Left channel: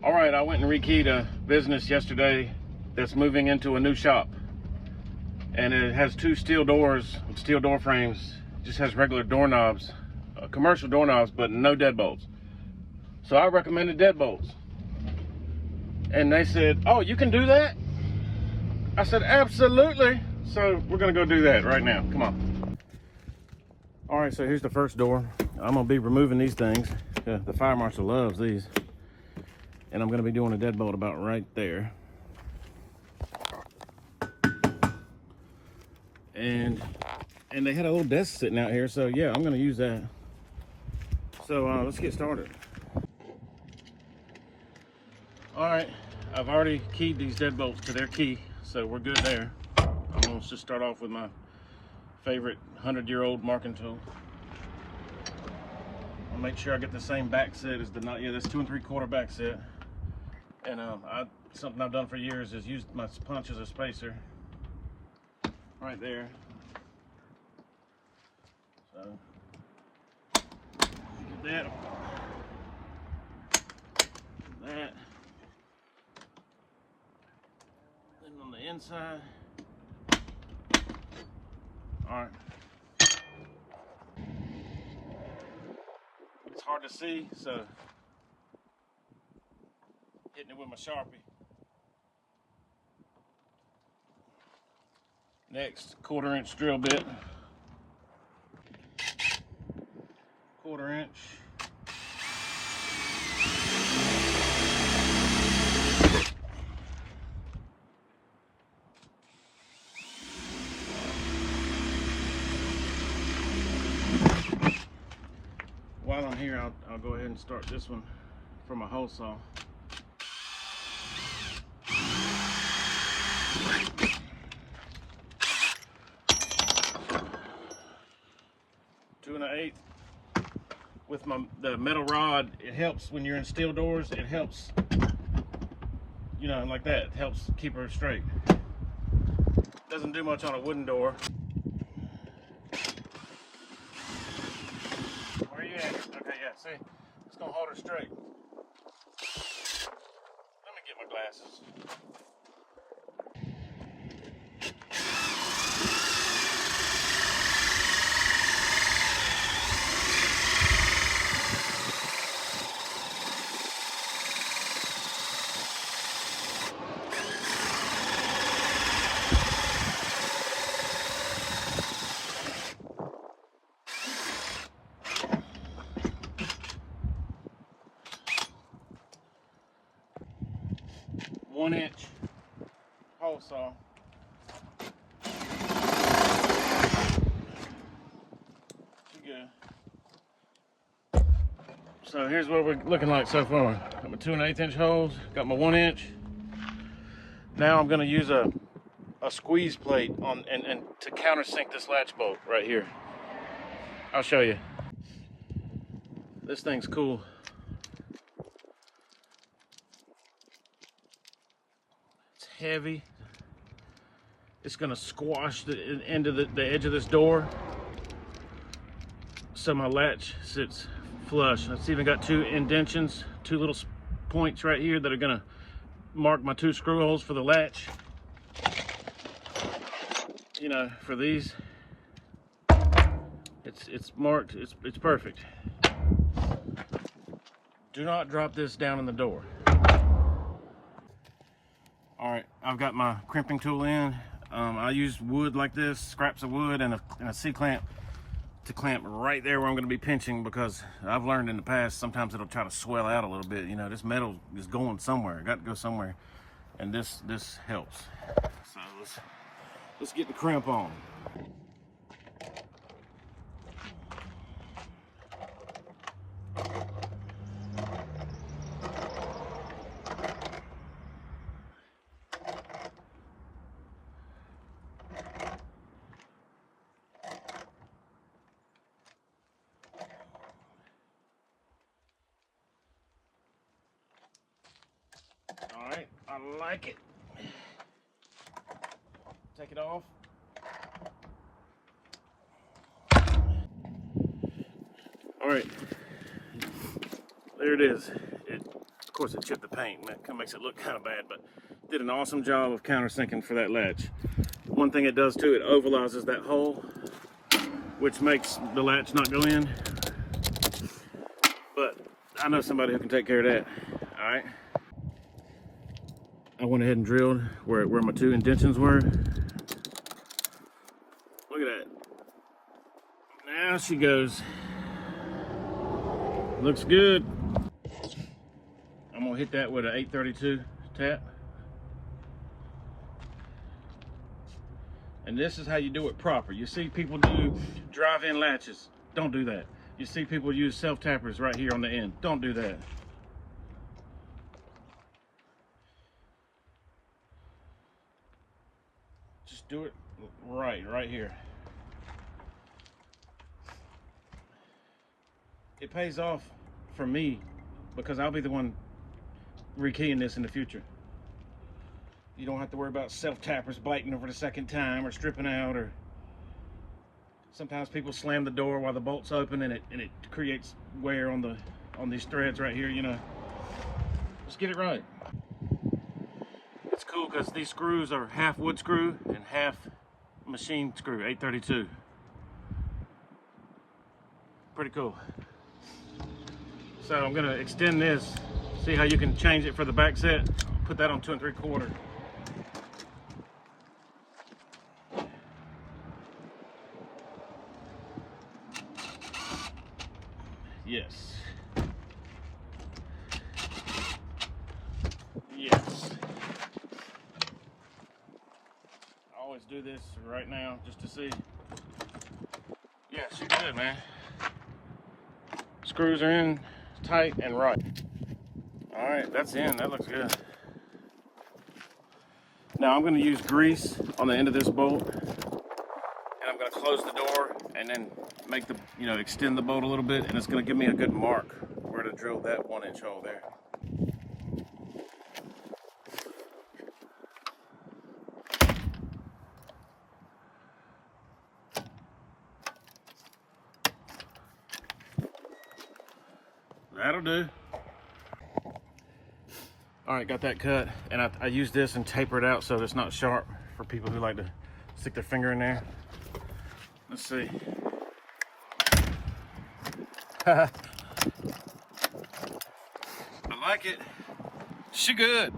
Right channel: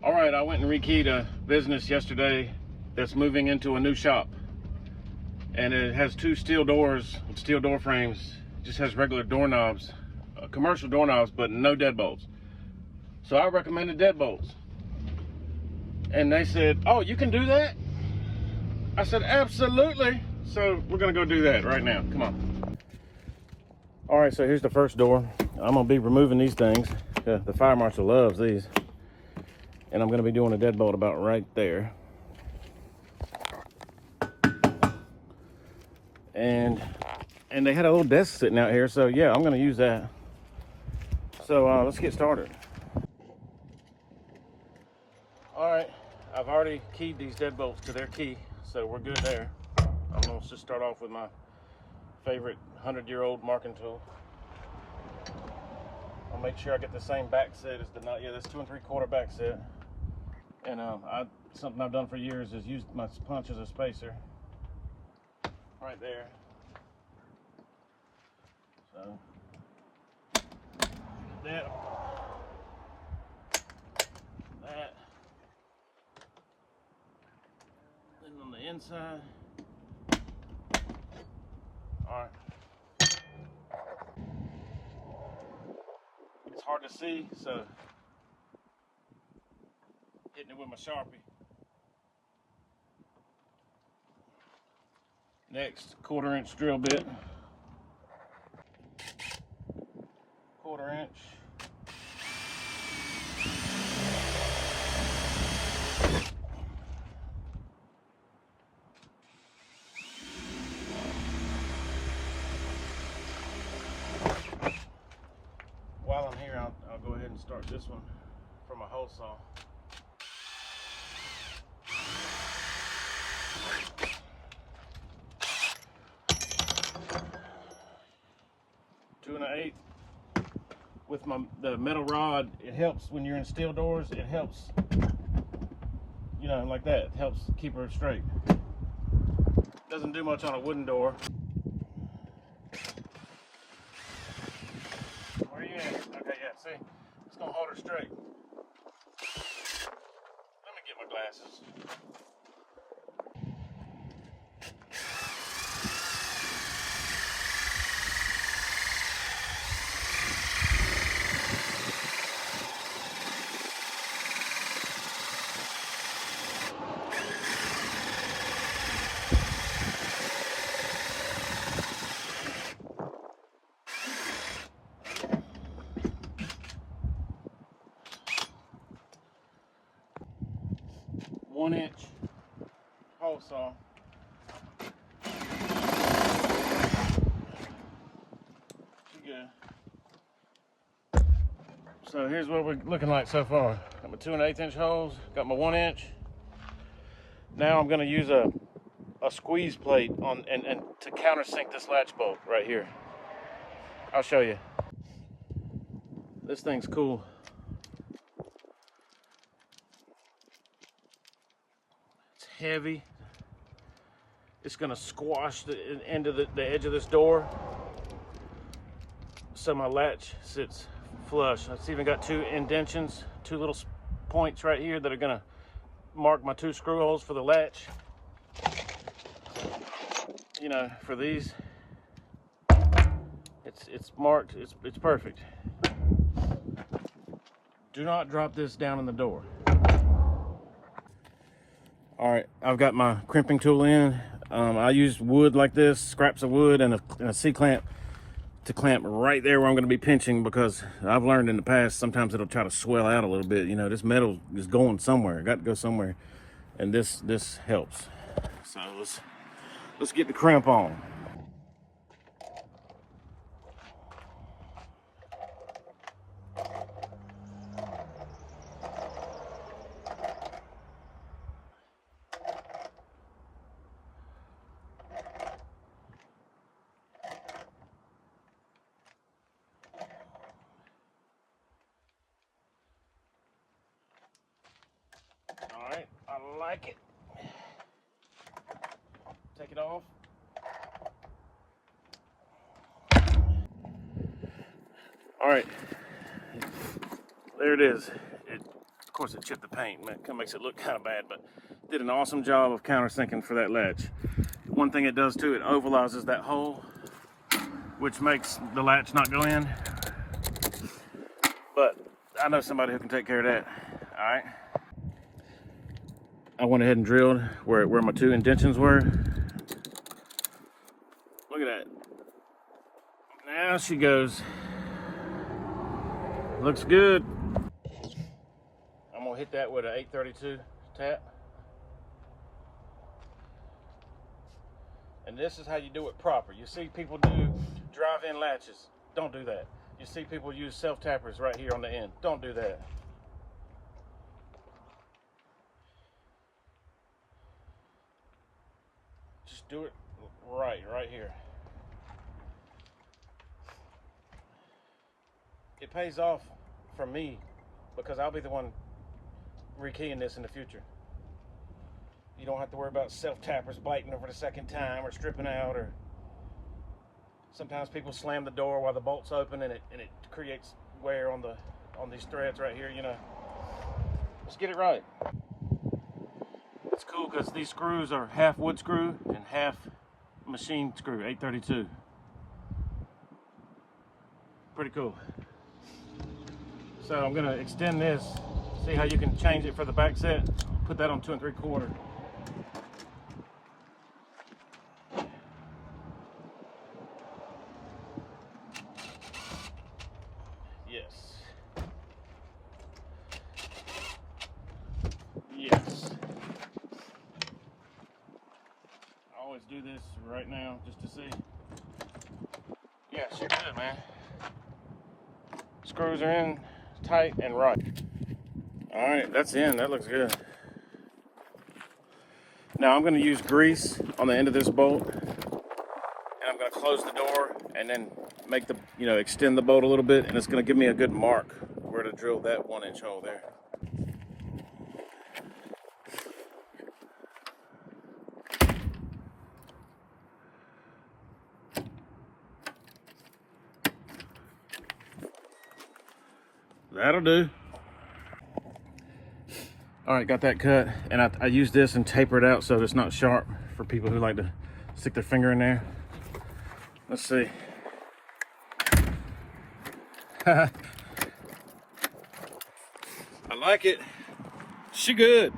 All right, I went and rekeyed a business yesterday that's moving into a new shop. And it has two steel doors with steel door frames. It just has regular doorknobs, commercial doorknobs, but no deadbolts. So I recommended deadbolts. And they said, oh, you can do that? I said, absolutely. So we're gonna go do that right now, come on. All right, so here's the first door. I'm gonna be removing these things. The fire marshal loves these. And I'm gonna be doing a deadbolt about right there. And they had a little desk sitting out here, so yeah, I'm gonna use that. So let's get started. All right, I've already keyed these deadbolts to their key, so we're good there. I'm gonna just start off with my favorite 100-year-old marking tool. I'll make sure I get the same back set as the nut. Yeah, that's 2 3/4 back set. And something I've done for years is use my punch as a spacer. Right there. So that. Then on the inside. All right. It's hard to see, so hitting it with my Sharpie. Next, 1/4 inch drill bit. 1/4 inch. While I'm here, I'll go ahead and start this one from a hole saw. Two and an eighth. With the metal rod, it helps when you're in steel doors. It helps, you know, like that. It helps keep her straight. Doesn't do much on a wooden door. Where you at? Okay, yeah. See, it's gonna hold her straight. Let me get my glasses. One-inch hole saw. Good. So here's what we're looking like so far. Got my 2 1/8 inch holes. Got my 1 inch. Now I'm going to use a squeeze plate on and to countersink this latch bolt right here. I'll show you. This thing's cool. It's heavy. It's gonna squash the end of the edge of this door, so my latch sits flush. It's even got 2 indentions, 2 little points right here that are gonna mark my 2 screw holes for the latch. You know, for these, it's marked. It's perfect. Do not drop this down in the door. All right, I've got my crimping tool in. I use wood like this, scraps of wood and a C-clamp to clamp right there where I'm gonna be pinching, because I've learned in the past, sometimes it'll try to swell out a little bit. You know, this metal is going somewhere, got to go somewhere. And this helps. So let's get the crimp on. All right, I like it. Take it off. All right, there it is. course, it chipped the paint. That kind of makes it look kind of bad, but did an awesome job of countersinking for that latch. One thing it does too, it ovalizes that hole, which makes the latch not go in. But I know somebody who can take care of that. All right. I went ahead and drilled where my two indentions were. Look at that. Now she goes. Looks good. I'm gonna hit that with an 832 tap. And this is how you do it proper. You see people do drive-in latches. Don't do that. You see people use self-tappers right here on the end. Don't do that. Just do it right here. It pays off for me because I'll be the one rekeying this in the future. You don't have to worry about self-tappers biting over the second time or stripping out, or sometimes people slam the door while the bolt's open and it creates wear on these threads right here, you know. Just get it right. It's cool because these screws are half wood screw and half machine screw, 832. Pretty cool. So I'm gonna extend this, see how you can change it for the back set. Put that on 2 3/4. Yes. Yes. I always do this right now just to see. Yeah, shit good, man. Screws are in tight and right. All right, that's in. That looks good. Now I'm going to use grease on the end of this bolt, and I'm going to close the door and then make the, extend the bolt a little bit, and it's going to give me a good mark where to drill that 1-inch hole there. That'll do. All right, got that cut, and I use this and taper it out so it's not sharp for people who like to stick their finger in there. Let's see. I like it. She good.